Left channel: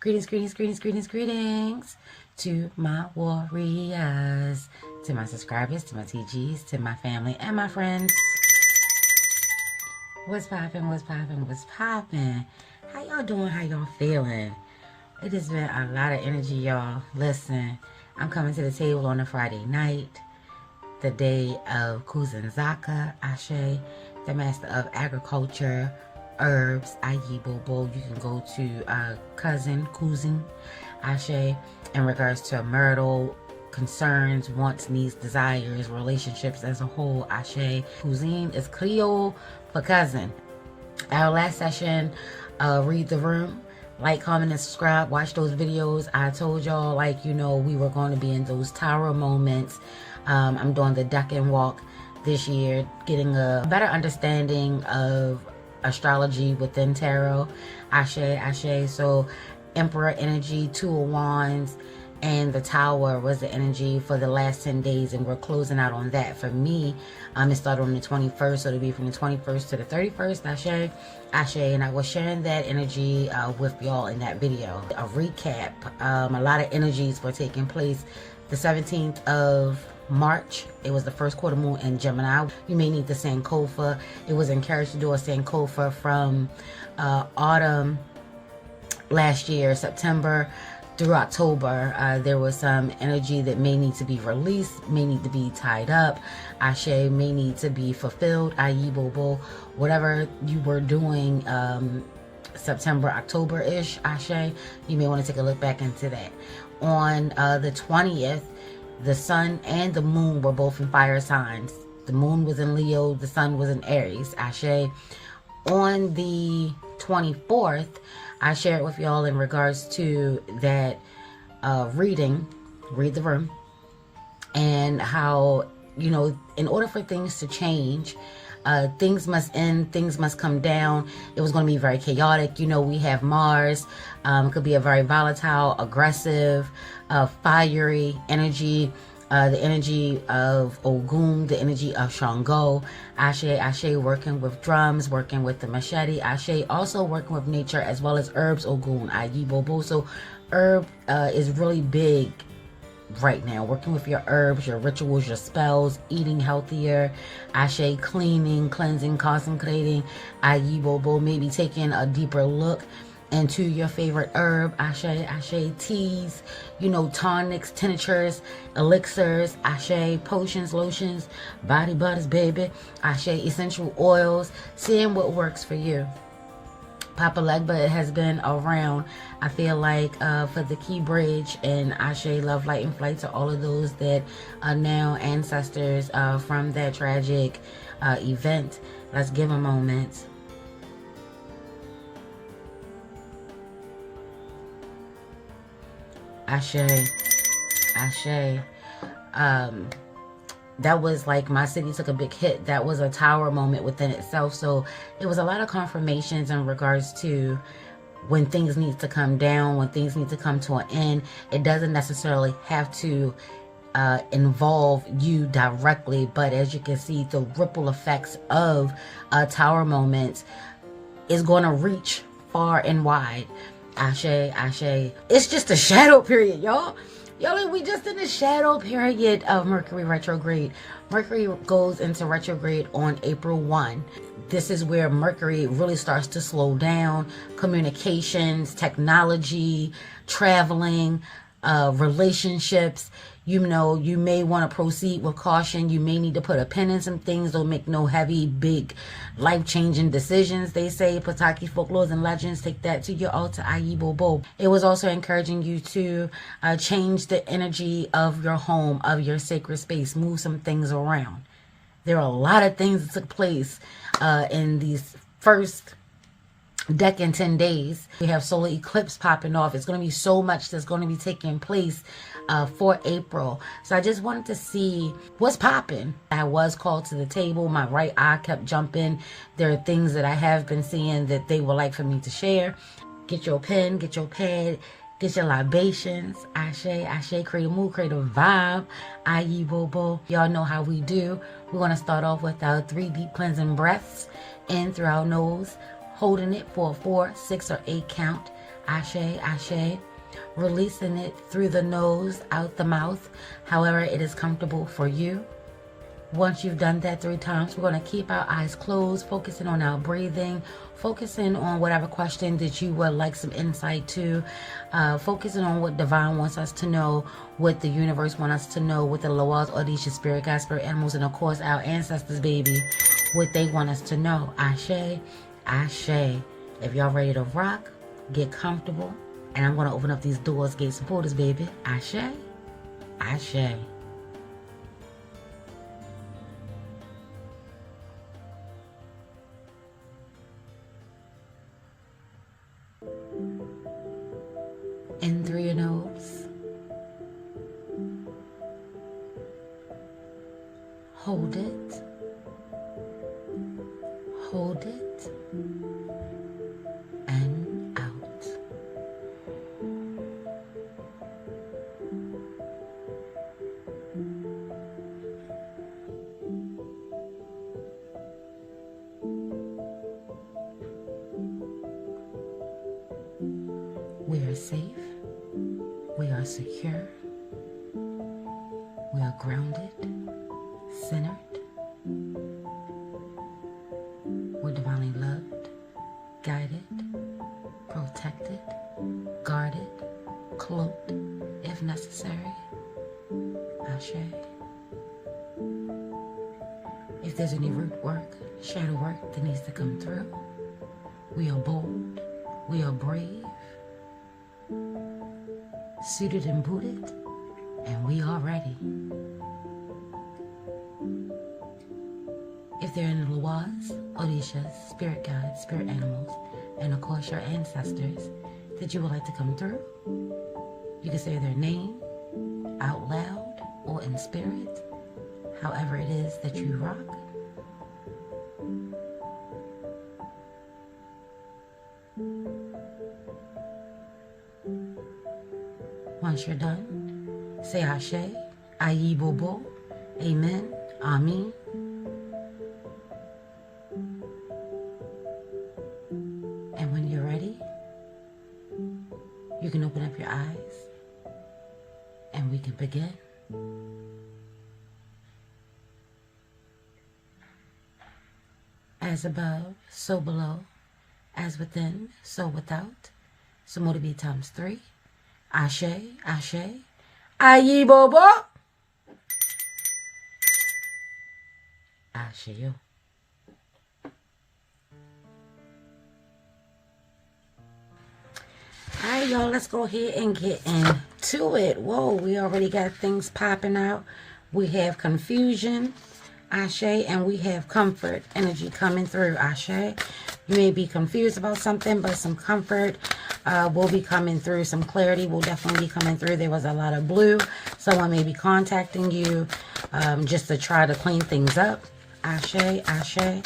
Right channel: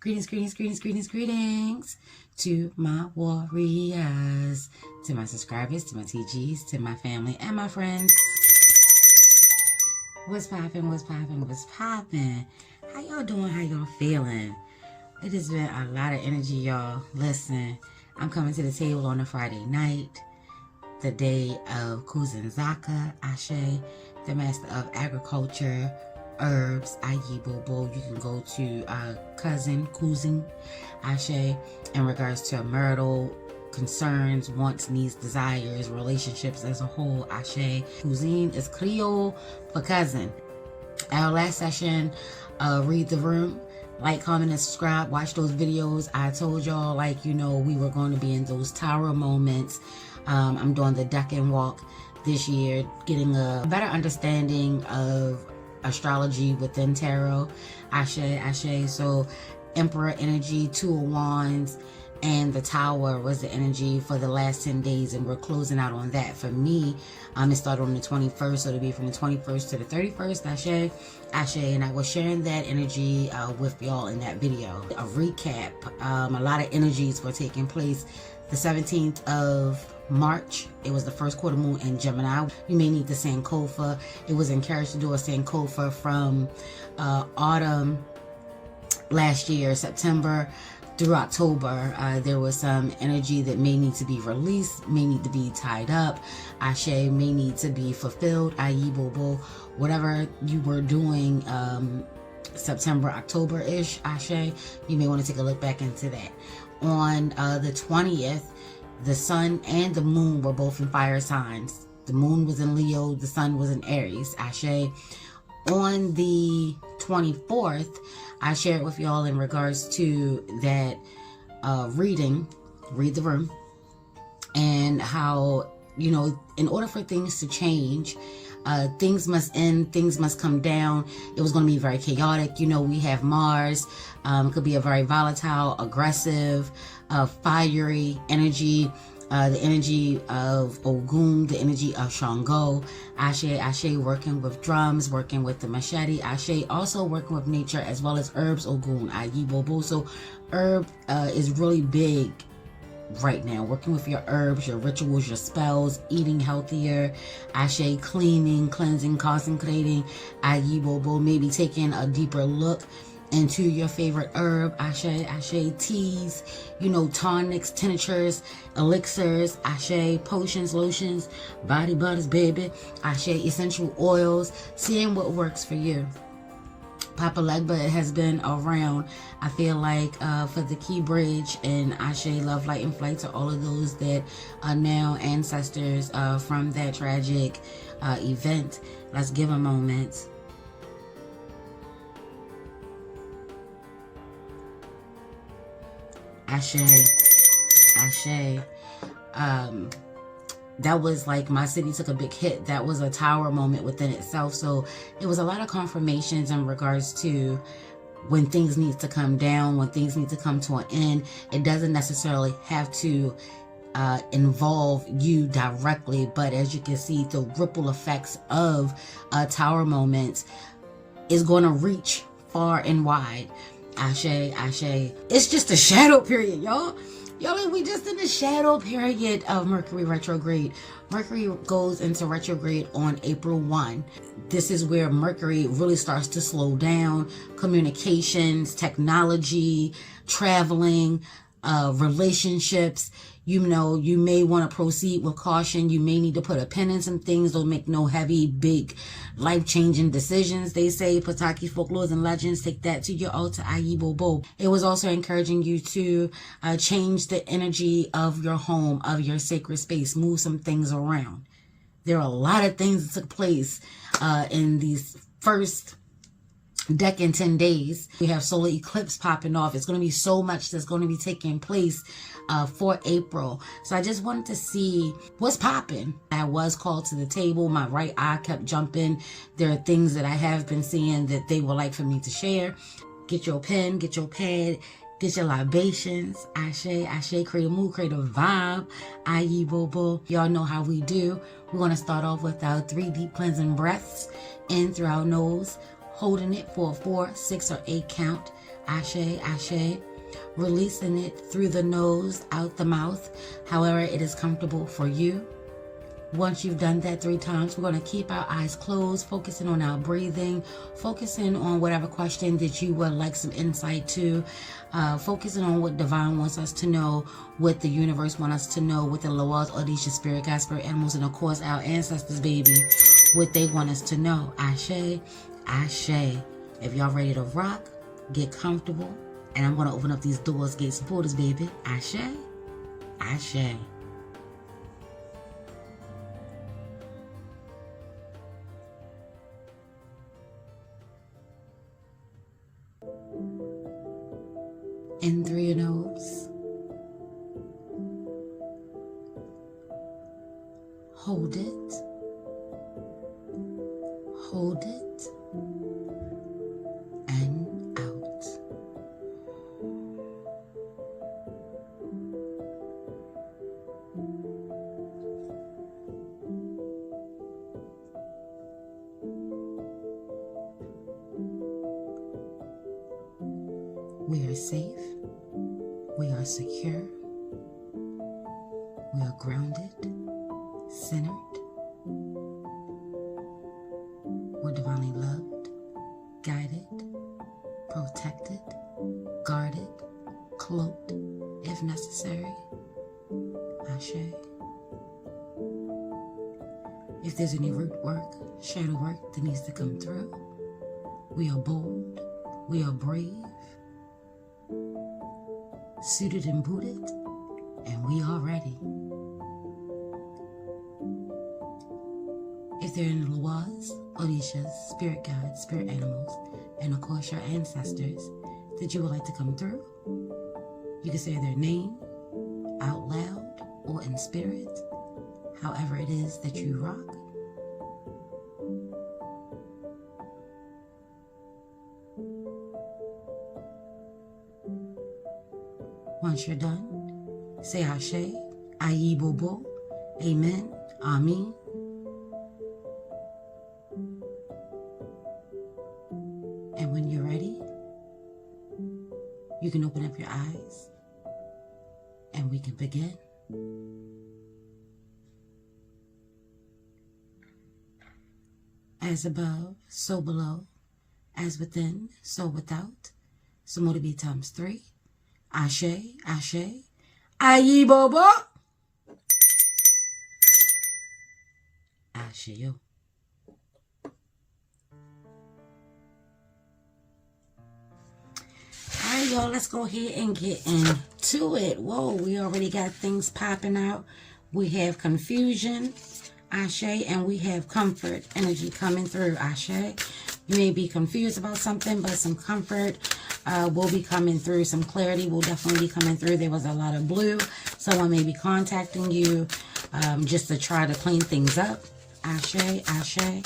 Greetings, greetings, greetings, greetings, greetings to my warriors, to my subscribers, to my TGs, to my family and my friends. What's poppin', what's poppin', what's poppin'? How y'all doing, how y'all feeling? It has been a lot of energy, y'all. Listen, I'm coming to the table on a Friday night, the day of Kuzenzaka, Ashe, the master of agriculture, herbs, Ayibobo. You can go to cousin, Kuzin, Ashe, in regards to marital concerns, wants, needs, desires, relationships as a whole, Ashe. Kuzin is Creole for cousin. Our last session, read the room. Like, comment, and subscribe. Watch those videos. I told y'all, we were going to be in those tower moments. I'm doing the Decan Walk this year, getting a better understanding of astrology within tarot. Ashe, Ashe. So, Emperor energy, Two of Wands, and the Tower was the energy for the last 10 days, and we're closing out on that. For me, it started on the 21st, so it'll be from the 21st to the 31st, Ashe, Ashe, and I was sharing that energy with y'all in that video. A recap, a lot of energies were taking place. The 17th of March, it was the first quarter moon in Gemini. You may need the Sankofa. It was encouraged to do a Sankofa from autumn last year, September through October. There was some energy that may need to be released, may need to be tied up. Ashe may need to be fulfilled. Ayibobo, whatever you were doing September, October-ish, Ashe, you may want to take a look back into that. On the 20th, the sun and the moon were both in fire signs. The moon was in Leo, the sun was in Aries, Ashe. On the 24th, I shared with y'all in regards to that reading, read the room, and how, in order for things to change, things must end, things must come down. It was going to be very chaotic. We have Mars, could be a very volatile, aggressive, fiery energy. The energy of Ogun, the energy of Shango, Ashe, Ashe, working with drums, working with the machete, Ashe, also working with nature as well as herbs, Ogun, Ayibobo. So herb is really big right now, working with your herbs, your rituals, your spells, eating healthier, Ashe, cleaning, cleansing, concentrating, Ayibobo, maybe taking a deeper look into your favorite herb, Ashe, Ashe, teas, tonics, tinctures, elixirs, Ashe, potions, lotions, body butters, baby, Ashe, essential oils, seeing what works for you. Papa Legba has been around, I feel like, for the Key Bridge, and Ashe, love, light, and flight to all of those that are now ancestors from that tragic event. Let's give a moment. Ashe, Ashe. That was like my city took a big hit. That was a tower moment within itself. So it was a lot of confirmations in regards to when things need to come down, when things need to come to an end. It doesn't necessarily have to involve you directly, but as you can see, the ripple effects of tower moments is going to reach far and wide. Ashe, Ashe. It's just a shadow period, y'all. We just in the shadow period of Mercury retrograde. Mercury goes into retrograde on April 1. This is where Mercury really starts to slow down. Communications, technology, traveling, relationships. You may want to proceed with caution. You may need to put a pin in some things. Don't make no heavy, big, life-changing decisions. They say, Pataki folklores and legends, take that to your altar, Ayibobo. It was also encouraging you to change the energy of your home, of your sacred space. Move some things around. There are a lot of things that took place in these first Decan 10 days. We have solar eclipse popping off. It's going to be so much that's going to be taking place for April. So I just wanted to see what's popping. I was called to the table. My right eye kept jumping. There are things that I have been seeing that they would like for me to share. Get your pen, get your pad, get your libations. Ashe, Ashe, create a mood, create a vibe. Ayibobo. Y'all know how we do. We're going to start off with our 3 deep cleansing breaths in through our nose, holding it for a 4, 6, or 8 count. Ashe, ashe. Releasing it through the nose, out the mouth, however it is comfortable for you. Once you've done that 3 times, we're going to keep our eyes closed, focusing on our breathing, focusing on whatever question that you would like some insight to, focusing on what divine wants us to know, what the universe wants us to know, what the Loas, Odisha, spirit guides, spirit animals, and of course our ancestors, baby, what they want us to know. Ashe, ashe. If y'all ready to rock, get comfortable, and I'm going to open up these doors, get some portals, baby. Ashe, ashe. In through your nose. Hold it. Hold it. And out. We are safe. We are secure. We are grounded, centered. We're divinely loved, guided, protected, guarded, cloaked, if necessary. Ashe. If there's any root work, shadow work that needs to come through, we are bold, we are brave, suited and booted, and we are ready. If there are any Loas, Odishas, spirit guides, spirit animals, and of course your ancestors that you would like to come through, you can say their name out loud or in spirit, however it is that you rock. Once you're done, say Ashe, Ayi Bobo, Amen, Amen. And when you're ready, you can open up your eyes and we can begin. As above, so below, as within, so without. So more to be times 3. Ashe, ashe, ayi bobo. Ashe yo. Alright, y'all, let's go ahead and get into it. Whoa, we already got things popping out. We have confusion, Ashe, and we have comfort energy coming through, Ashe. You may be confused about something, but some comfort will be coming through. Some clarity will definitely be coming through. There was a lot of blue. Someone may be contacting you just to try to clean things up. Ashe, ashe.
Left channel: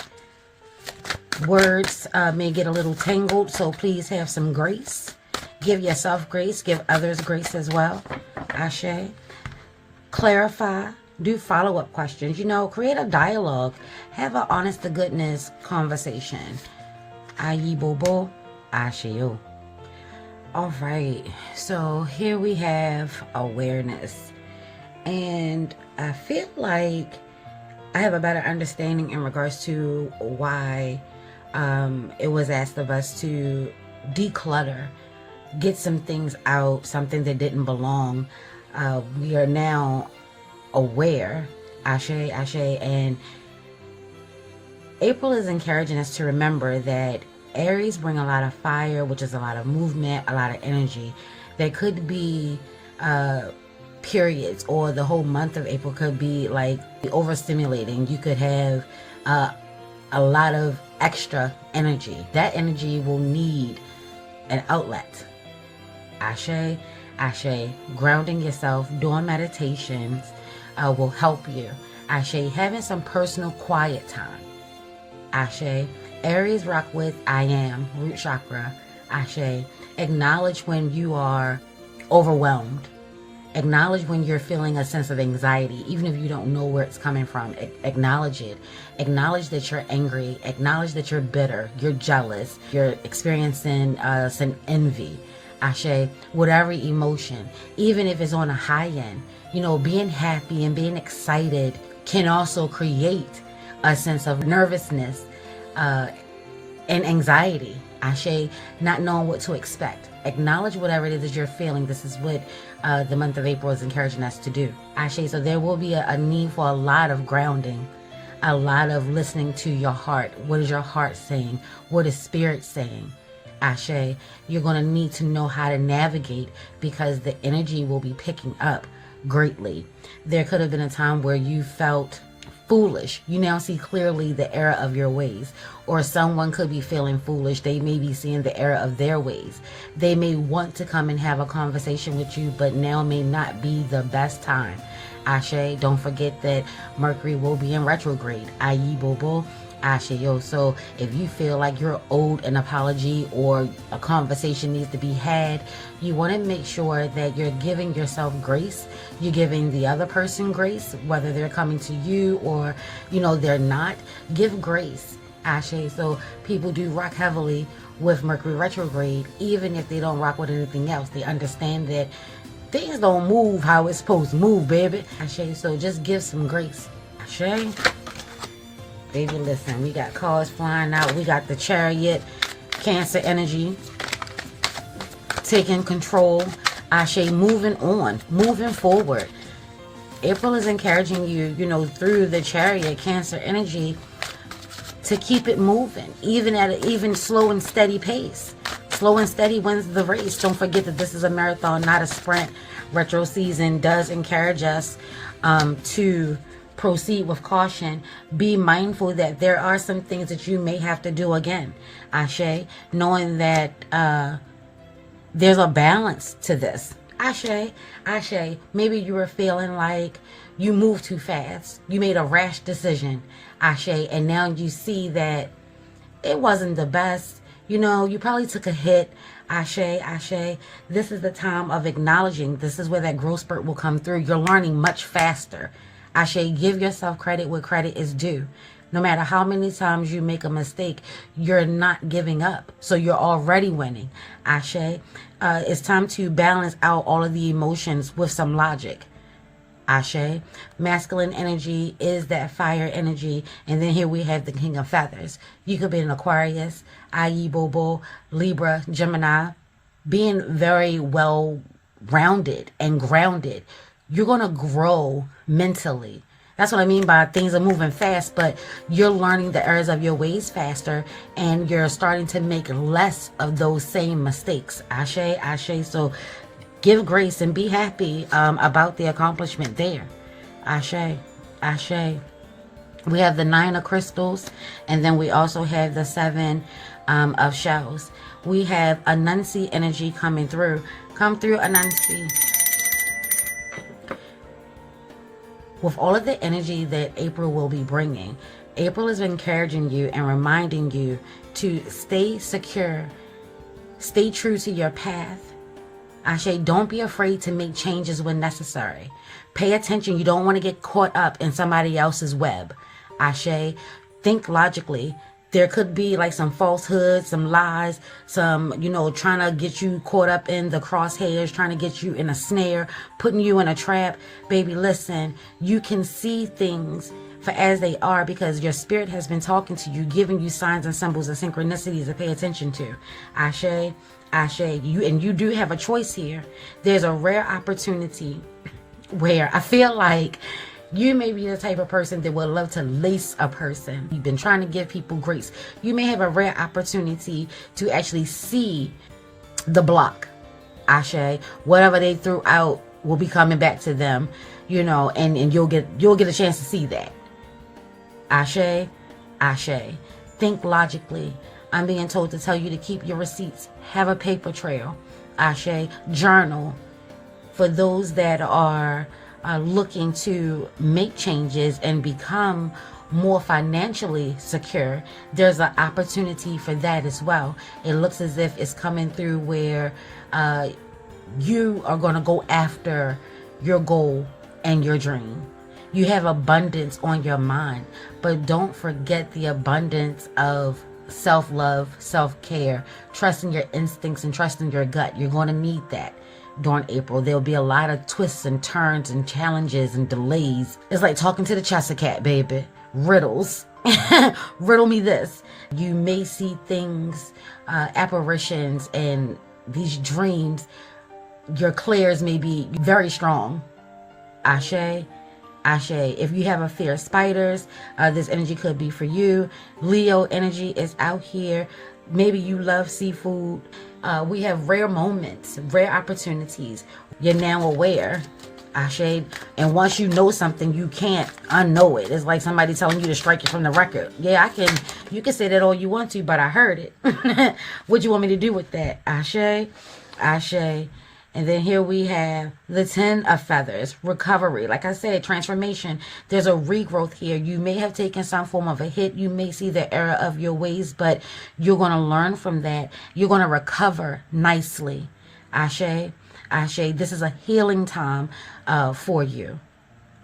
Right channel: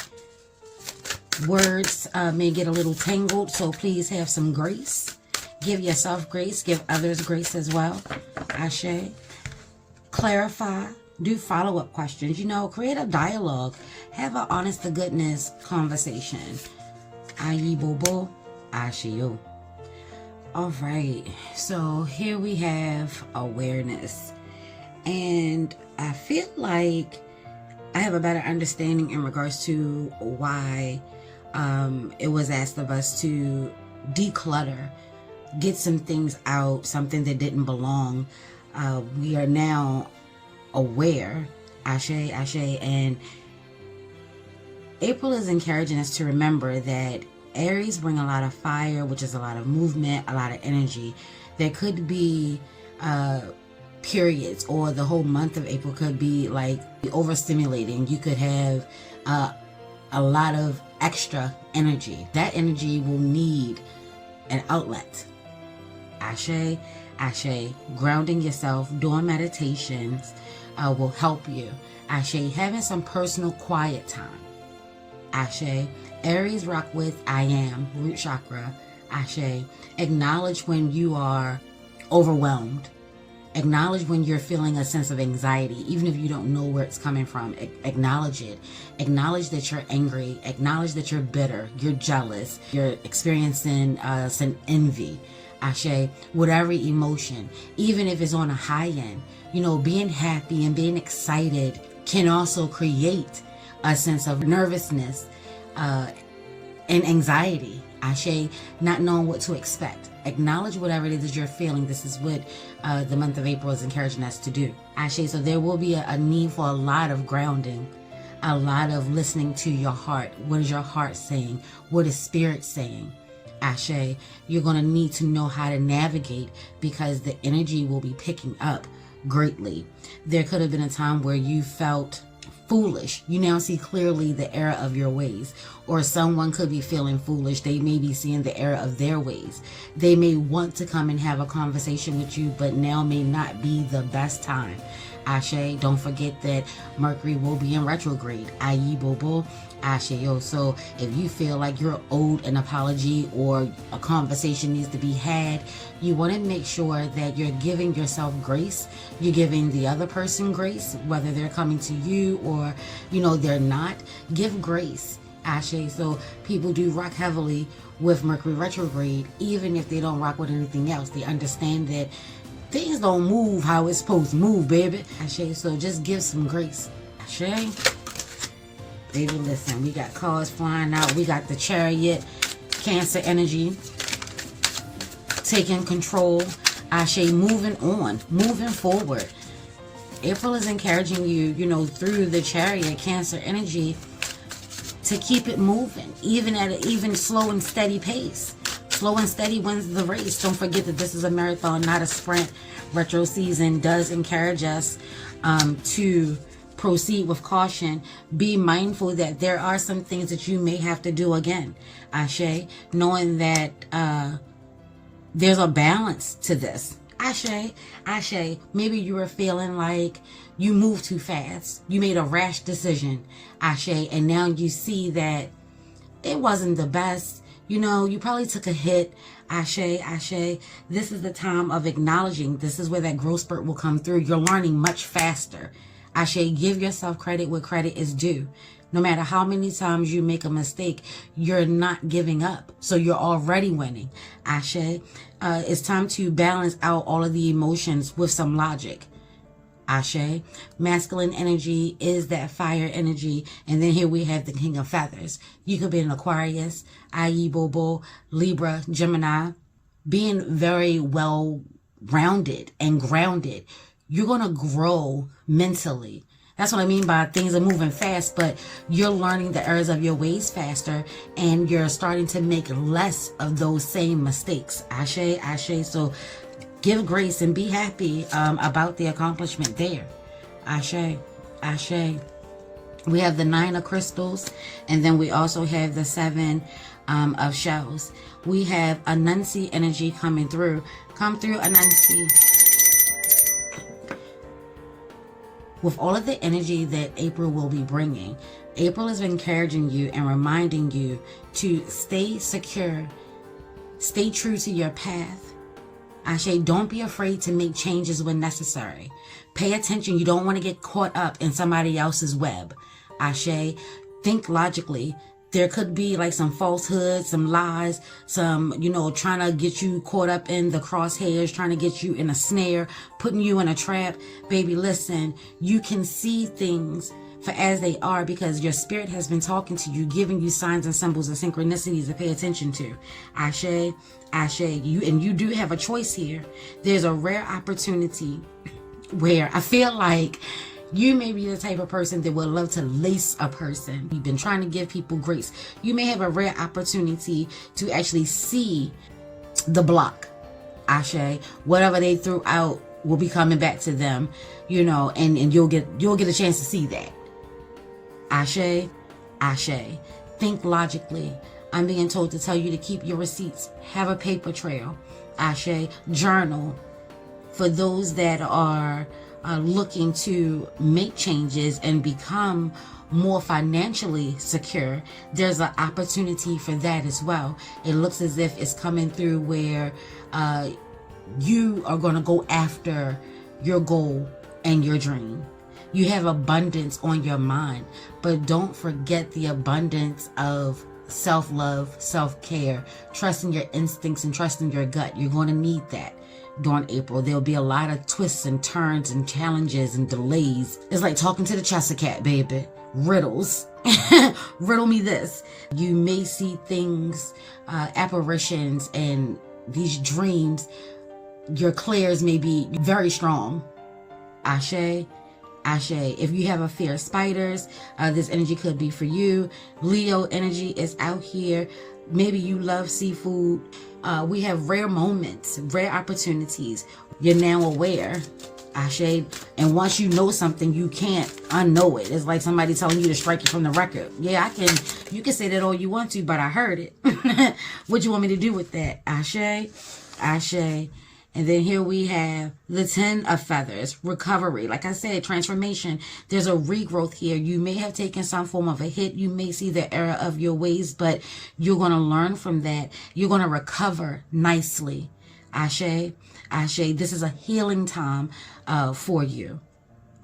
Words may get a little tangled, so please have some grace. Give yourself grace. Give others grace as well. Ashe. Clarify. Do follow-up questions. You know, create a dialogue. Have an honest-to-goodness conversation. Ayi bobo, ashio. All right. So here we have awareness. And I feel like I have a better understanding in regards to why it was asked of us to declutter, get some things out, something that didn't belong. We are now aware, ashe, ashe, and April is encouraging us to remember that Aries bring a lot of fire, which is a lot of movement, a lot of energy. There could be periods, or the whole month of April could be like overstimulating. You could have a lot of extra energy. That energy will need an outlet. Ashe, ashe, grounding yourself, doing meditations will help you. Ashe, having some personal quiet time. Ashe, Aries rock with I am, root chakra. Ashe, acknowledge when you are overwhelmed. Acknowledge when you're feeling a sense of anxiety, even if you don't know where it's coming from. Acknowledge it. Acknowledge that you're angry. Acknowledge that you're bitter. You're jealous. You're experiencing some envy. Ashe, whatever emotion, even if it's on a high end, being happy and being excited can also create a sense of nervousness and anxiety. Ashe, not knowing what to expect. Acknowledge whatever it is that you're feeling. This is what the month of April is encouraging us to do. Ashe, so there will be a need for a lot of grounding, a lot of listening to your heart. What is your heart saying? What is spirit saying? Ashe, you're going to need to know how to navigate because the energy will be picking up greatly. There could have been a time where you felt foolish. You now see clearly the error of your ways. Or someone could be feeling foolish. They may be seeing the error of their ways. They may want to come and have a conversation with you, but now may not be the best time. Ashe, don't forget that Mercury will be in retrograde, i.e. Bobo. Ashe, yo. So if you feel like you're owed an apology or a conversation needs to be had, you want to make sure that you're giving yourself grace. You're giving the other person grace, whether they're coming to you or, they're not. Give grace. Ashe, so people do rock heavily with Mercury retrograde, even if they don't rock with anything else. They understand that things don't move how it's supposed to move, baby. Ashe, so just give some grace. Ashe. Baby, listen, we got cards flying out. We got the Chariot, Cancer energy, taking control. Ashe, moving on, moving forward. April is encouraging you, through the Chariot, Cancer energy, to keep it moving, even at an even slow and steady pace. Slow and steady wins the race. Don't forget that this is a marathon, not a sprint. Retro season does encourage us to proceed with caution. Be mindful that there are some things that you may have to do again. Ashe, knowing that there's a balance to this. Ashe, Ashe, maybe you were feeling like you moved too fast. You made a rash decision. Ashe, and now you see that it wasn't the best. You probably took a hit. Ashe, Ashe, this is the time of acknowledging. This is where that growth spurt will come through. You're learning much faster. Ashe, give yourself credit where credit is due. No matter how many times you make a mistake, you're not giving up. So you're already winning. Ashe, it's time to balance out all of the emotions with some logic. Ashe, masculine energy is that fire energy. And then here we have the King of Feathers. You could be an Aquarius, i.e. Bobo, Libra, Gemini, being very well rounded and grounded. You're going to grow mentally. That's what I mean by things are moving fast, but you're learning the errors of your ways faster and you're starting to make less of those same mistakes. Ashe, Ashe. So give grace and be happy about the accomplishment there. Ashe, Ashe. We have the 9 of crystals, and then we also have the 7 of shells. We have Untitled energy coming through. Come through, Untitled. With all of the energy that April will be bringing, April is encouraging you and reminding you to stay secure, stay true to your path. Ashe, don't be afraid to make changes when necessary. Pay attention. You don't want to get caught up in somebody else's web. Ashe, think logically. There could be like some falsehoods, some lies, some, trying to get you caught up in the crosshairs, trying to get you in a snare, putting you in a trap. Baby, listen, you can see things for as they are because your spirit has been talking to you, giving you signs and symbols and synchronicities to pay attention to. Ashe, Ashe, you do have a choice here. There's a rare opportunity where I feel like you may be the type of person that would love to lace a person. You've been trying to give people grace. You may have a rare opportunity to actually see the block. Ashe, whatever they threw out will be coming back to them, and you'll get a chance to see that. Ashe, Ashe, think logically. I'm being told to tell you to keep your receipts. Have a paper trail. Ashe, journal. For those that are looking to make changes and become more financially secure, there's an opportunity for that as well. It looks as if it's coming through where you are going to go after your goal and your dream. You have abundance on your mind, but don't forget the abundance of self-love, self-care, trusting your instincts and trusting your gut. You're going to need that during April. There'll be a lot of twists and turns and challenges and delays. It's like talking to the Cheshire Cat, baby. Riddles. Riddle me this. You may see things, apparitions, and these dreams. Your clairs may be very strong. Ashe. Ashe. If you have a fear of spiders, this energy could be for you. Leo energy is out here. Maybe you love seafood. We have rare moments, rare opportunities. You're now aware. Ashe. And once you know something, you can't unknow it. It's like somebody telling you to strike it from the record. Yeah, you can say that all you want to, but I heard it. What you want me to do with that? Ashe. Ashe. And then here we have the 10 of feathers, recovery. Like I said, transformation. There's a regrowth here. You may have taken some form of a hit. You may see the error of your ways, but you're going to learn from that. You're going to recover nicely. Ashe. Ashe. This is a healing time for you.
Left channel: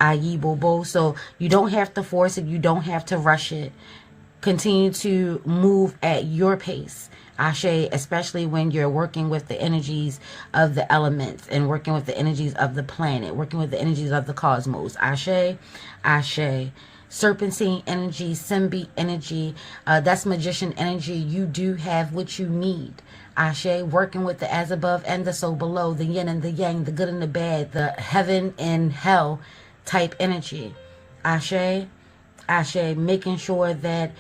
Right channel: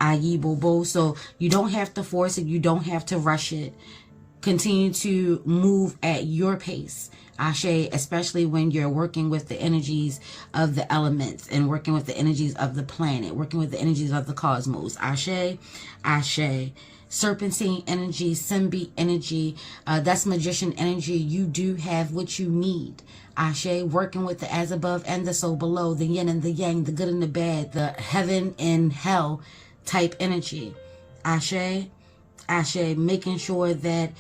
Ayi Bobo. So you don't have to force it. You don't have to rush it. Continue to move at your pace. Ashe, especially when you're working with the energies of the elements and working with the energies of the planet, working with the energies of the cosmos. Ashe, Ashe. Serpentine energy, Symbi energy, that's magician energy. You do have what you need. Ashe, working with the as above and the so below, the yin and the yang, the good and the bad, the heaven and hell type energy. Ashe, Ashe, making sure that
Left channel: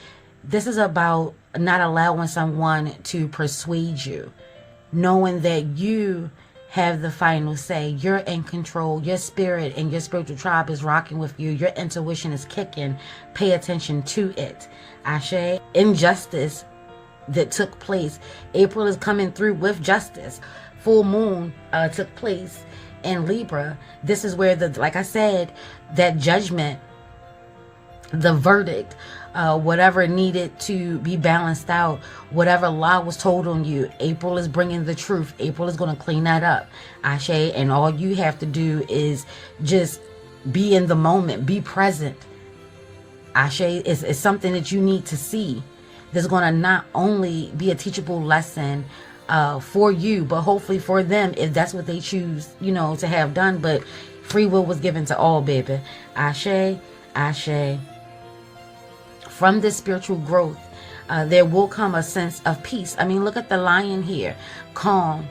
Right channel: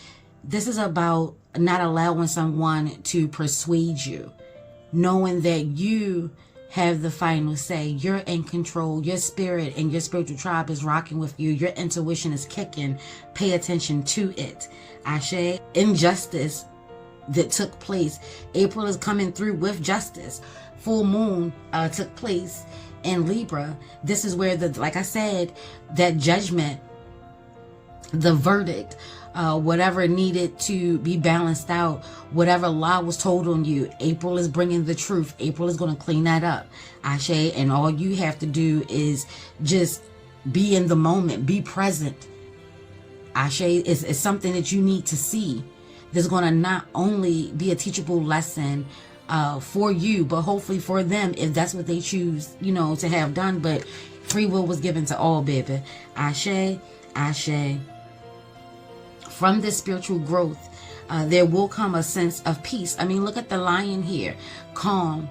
this is about not allowing someone to persuade you, knowing that you have the final say. You're in control. Your spirit and your spiritual tribe is rocking with you. Your intuition is kicking. Pay attention to it. Ashe. Injustice that took place. April is coming through with justice. Full moon took place in Libra. This is where, like I said, that judgment, the verdict, whatever needed to be balanced out, whatever lie was told on you, April is bringing the truth. April is going to clean that up. Ashe. And all you have to do is just be in the moment, be present. Ashe is something that you need to see. There's going to not only be a teachable lesson for you, but hopefully for them, if that's what they choose, to have done. But free will was given to all, baby. Ashe, Ashe. From this spiritual growth, there will come a sense of peace. I mean, look at the lion here. Calm.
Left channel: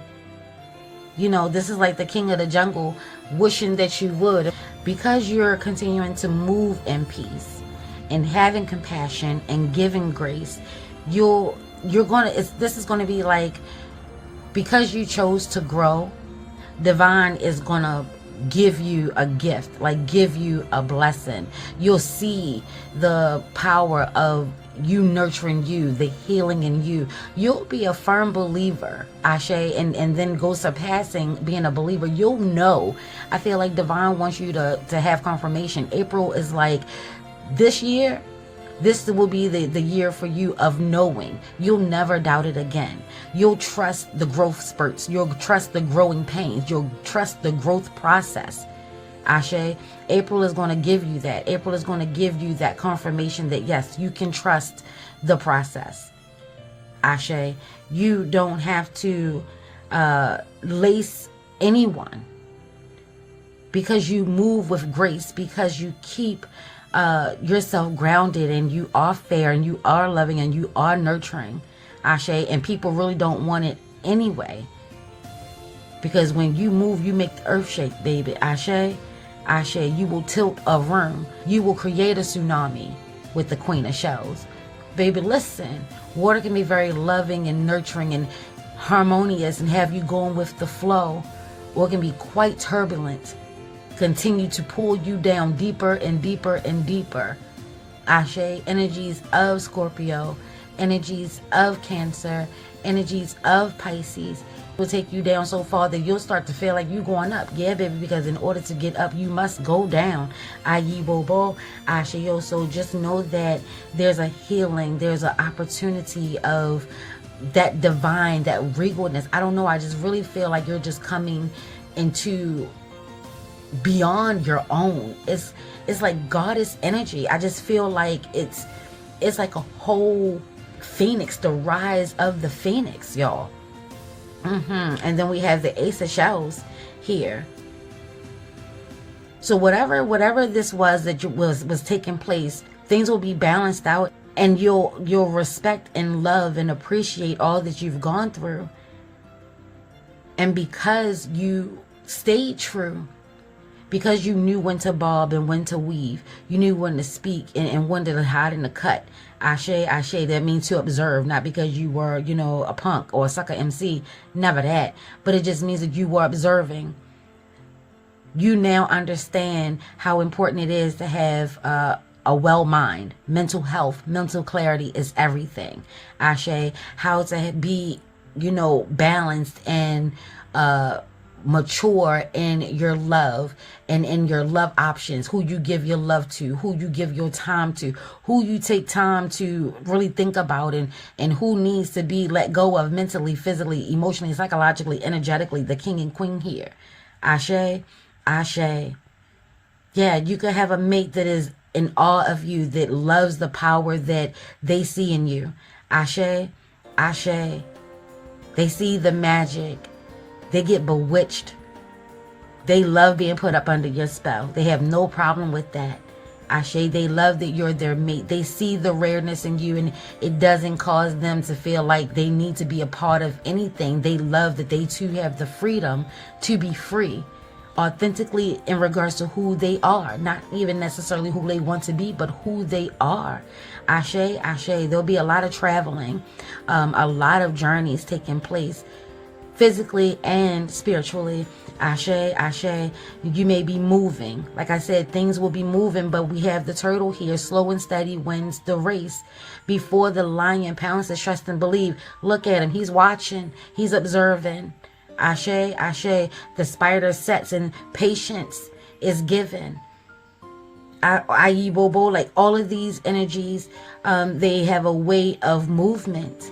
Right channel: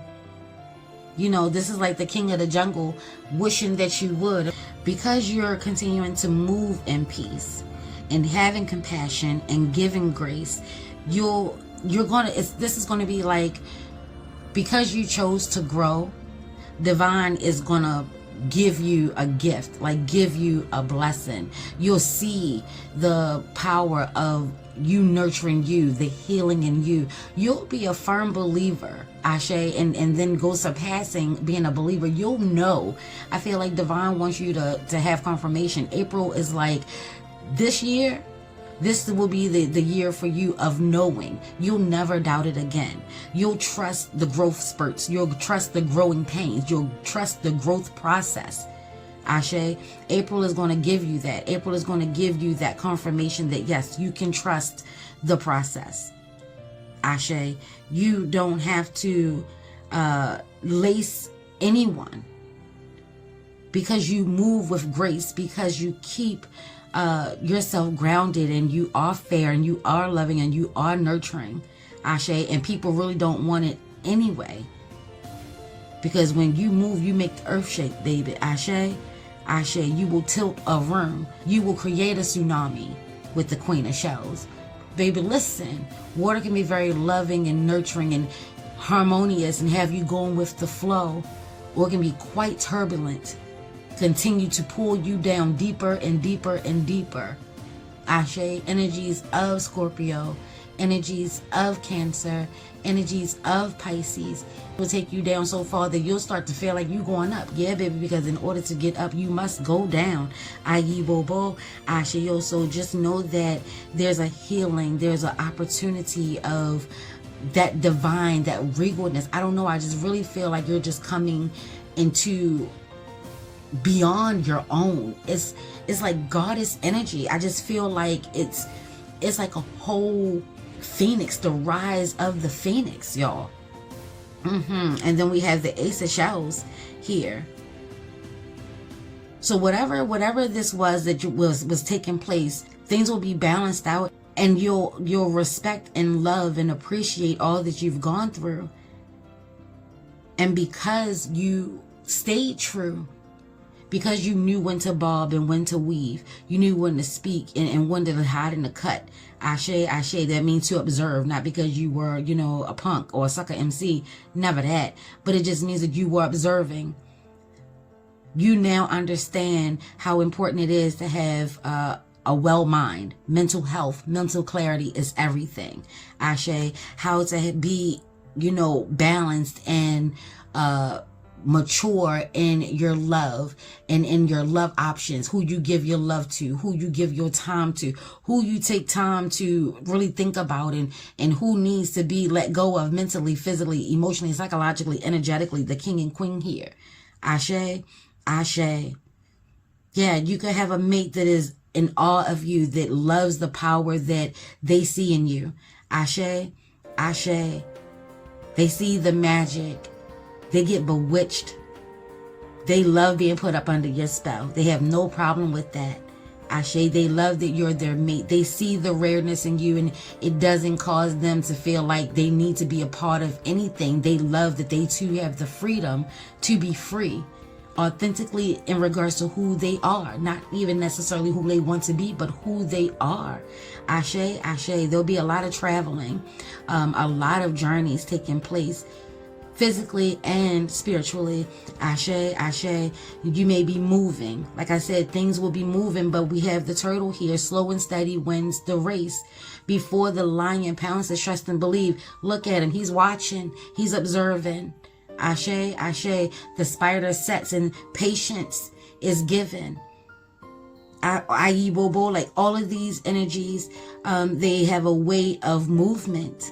This is like the king of the jungle wishing that you would. Because you're continuing to move in peace and having compassion and giving grace, this is gonna be like, because you chose to grow, divine is gonna give you a gift, like give you a blessing. You'll see the power of you nurturing you, the healing in you. You'll be a firm believer, Ashe, and then go surpassing being a believer. You'll know. I feel like divine wants you to have confirmation. April is like, this year, this will be the year for you of knowing. You'll never doubt it again. You'll trust the growth spurts. You'll trust the growing pains. You'll trust the growth process. Ashe, April is going to give you that. April is going to give you that confirmation that, yes, you can trust the process. Ashe, you don't have to lace anyone, because you move with grace, because you keep yourself grounded, and you are fair, and you are loving, and you are nurturing. Ashe. And people really don't want it anyway, because when you move, you make the earth shake, baby. Ashe, Ashe. You will tilt a room. You will create a tsunami with the Queen of Shells, baby. Listen, water can be very loving and nurturing and harmonious and have you going with the flow, or it can be quite turbulent, continue to pull you down deeper and deeper and deeper. Ashe. Energies of Scorpio, energies of Cancer, energies of Pisces will take you down so far that you'll start to feel like you're going up. Yeah, baby, because in order to get up, you must go down. Ayi Bobo, Ashe. So just know that there's a healing, there's an opportunity of that divine, that regalness. I don't know, I just really feel like you're just coming into beyond your own. It's like goddess energy. I just feel like it's like a whole Phoenix, the rise of the Phoenix, y'all. And then we have the Ace of Shells here. So whatever this was that was taking place, things will be balanced out, and you'll respect and love and appreciate all that you've gone through. And because you stayed true, because you knew when to bob and when to weave, you knew when to speak and when to hide in the cut. Ashe, that means to observe, not because you were, a punk or a sucker MC, never that. But it just means that you were observing. You now understand how important it is to have a well mind. Mental health, mental clarity is everything. Ashe, how to be, balanced and mature in your love and in your love options, who you give your love to, who you give your time to, who you take time to really think about, and who needs to be let go of mentally, physically, emotionally, psychologically, energetically. The king and queen here. Ashe. Yeah, you could have a mate that is in awe of you, that loves the power that they see in you. Ashe. They see the magic. They get bewitched. They love being put up under your spell. They have no problem with that. Ashe, they love that you're their mate. They see the rareness in you, and it doesn't cause them to feel like they need to be a part of anything. They love that they too have the freedom to be free, authentically, in regards to who they are. Not even necessarily who they want to be, but who they are. Ashe. There'll be a lot of traveling, a lot of journeys taking place, physically and spiritually. Ashe. You may be moving. Like I said, things will be moving, but we have the turtle here. Slow and steady wins the race. Before the lion pounces, trust and believe. Look at him. He's watching. He's observing. Ashe. The spider sets and patience is given. Ayi Bobo, like all of these energies, they have a way of movement.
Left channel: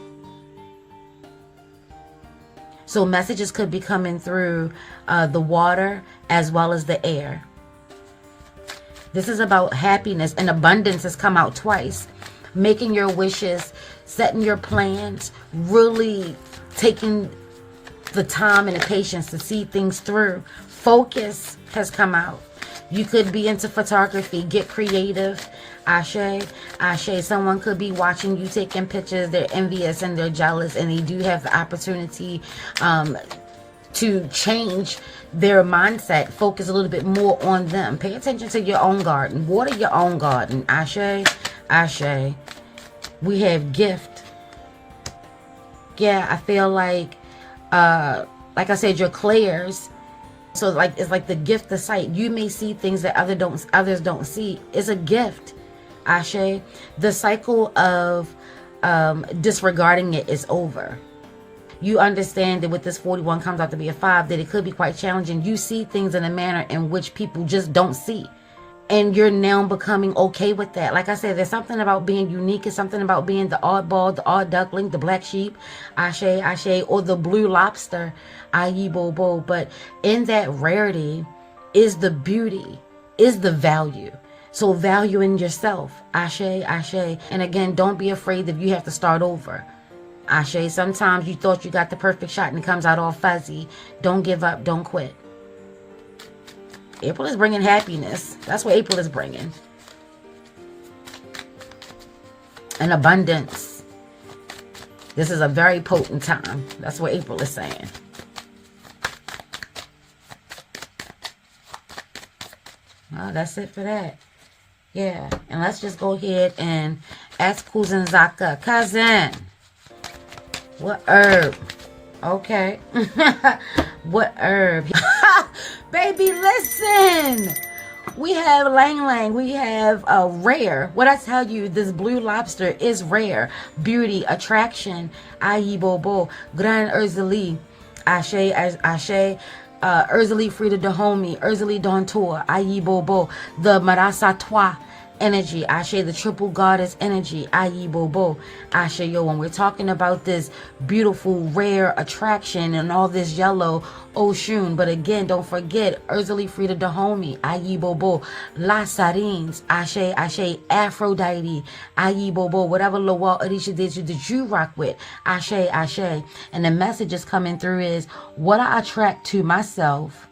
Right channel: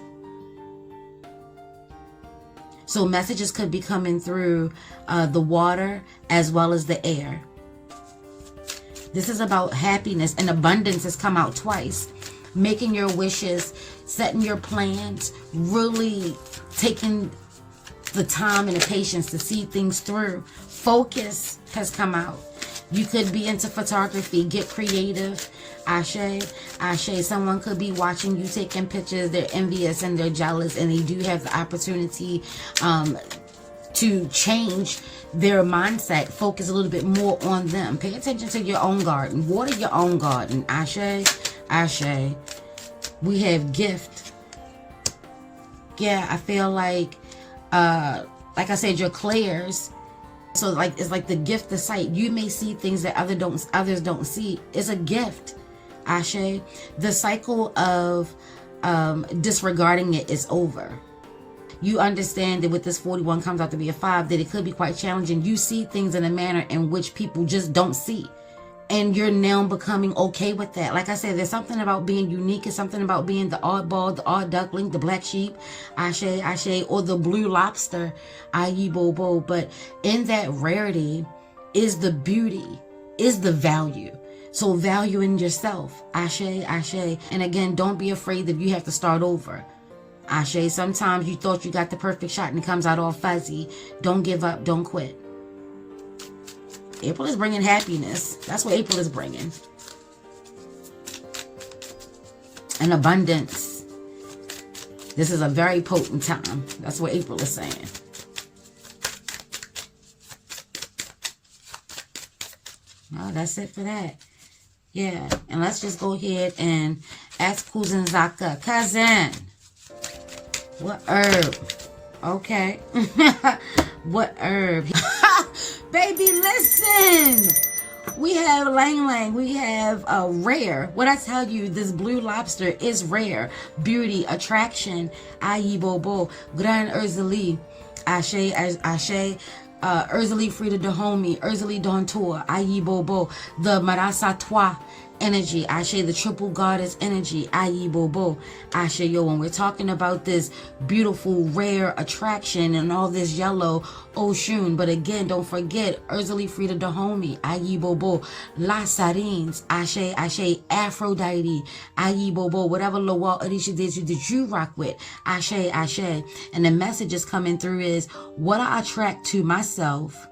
So messages could be coming through the water as well as the air. This is about happiness, and abundance has come out twice. Making your wishes, setting your plans, really taking the time and the patience to see things through. Focus has come out. You could be into photography, get creative. Ashe. Someone could be watching you taking pictures. They're envious and they're jealous, and they do have the opportunity to change their mindset. Focus a little bit more on them. Pay attention to your own garden. Water your own garden. Ashe. We have gift. Yeah, I feel like I said, your clairs. So it's like the gift of sight. You may see things that others don't see. It's a gift. Ashe. The cycle of disregarding it is over. You understand that with this 41 comes out to be a 5, that it could be quite challenging. You see things in a manner in which people just don't see. And you're now becoming okay with that. Like I said, there's something about being unique. It's something about being the oddball, the odd duckling, the black sheep, Ashe, or the blue lobster, Ayi Bobo. But in that rarity is the beauty, is the value. So value in yourself. Ashe. And again, don't be afraid that you have to start over. Ashe. Sometimes you thought you got the perfect shot and it comes out all fuzzy. Don't give up. Don't quit. April is bringing happiness. That's what April is bringing. And abundance. This is a very potent time. That's what April is saying. Well, that's it for that. Yeah. And let's just go ahead and ask Cousin Zaka. Cousin, what herb? Okay. What herb? Baby, listen. We have Lang Lang. We have rare. What I tell you, this blue lobster is rare. Beauty, attraction. Ayi Bobo. Grand Urzali. Ashe. Urzali Frida Dahomey. Urzali Don Tour. Ayi Bobo. The Marasa Toi. energy. Ashe, the triple goddess energy. Ayi Bobo. Ashe, yo, when we're talking about this beautiful, rare attraction and all this yellow ocean. But again, don't forget, Urzuli Frida Dahomey. Ayi Bobo. La Sarines. Ashe, Ashe, Aphrodite. Ayi Bobo. Whatever Lowell Orisha did you rock with. Ashe, Ashe. And the message is coming through is what I attract to myself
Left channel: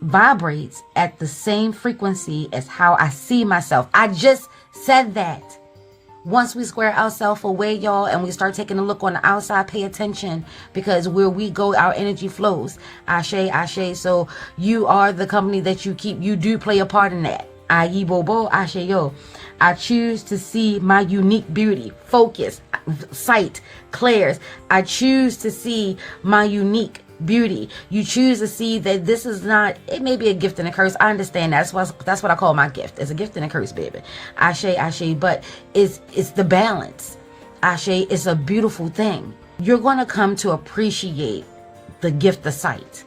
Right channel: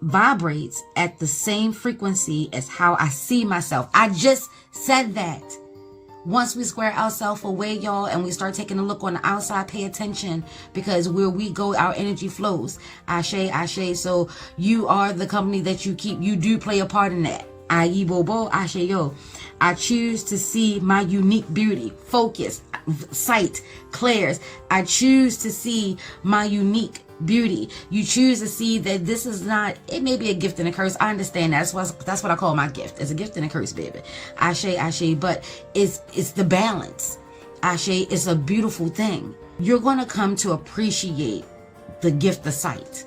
vibrates at the same frequency as how I see myself. I just said that. Once we square ourselves away, y'all, and we start taking a look on the outside, pay attention, because where we go, our energy flows. Ashe, Ashe. So you are the company that you keep. You do play a part in that. Ayi Bobo, Ashe yo. I choose to see my unique beauty, focus, sight, clairs. I choose to see my unique beauty. You choose to see that this is not, it may be a gift and a curse. I understand that. That's what I call my gift. It's a gift and a curse, baby. Ashe, Ashe, but it's the balance. Ashe is a beautiful thing. You're going to come to appreciate the gift of sight.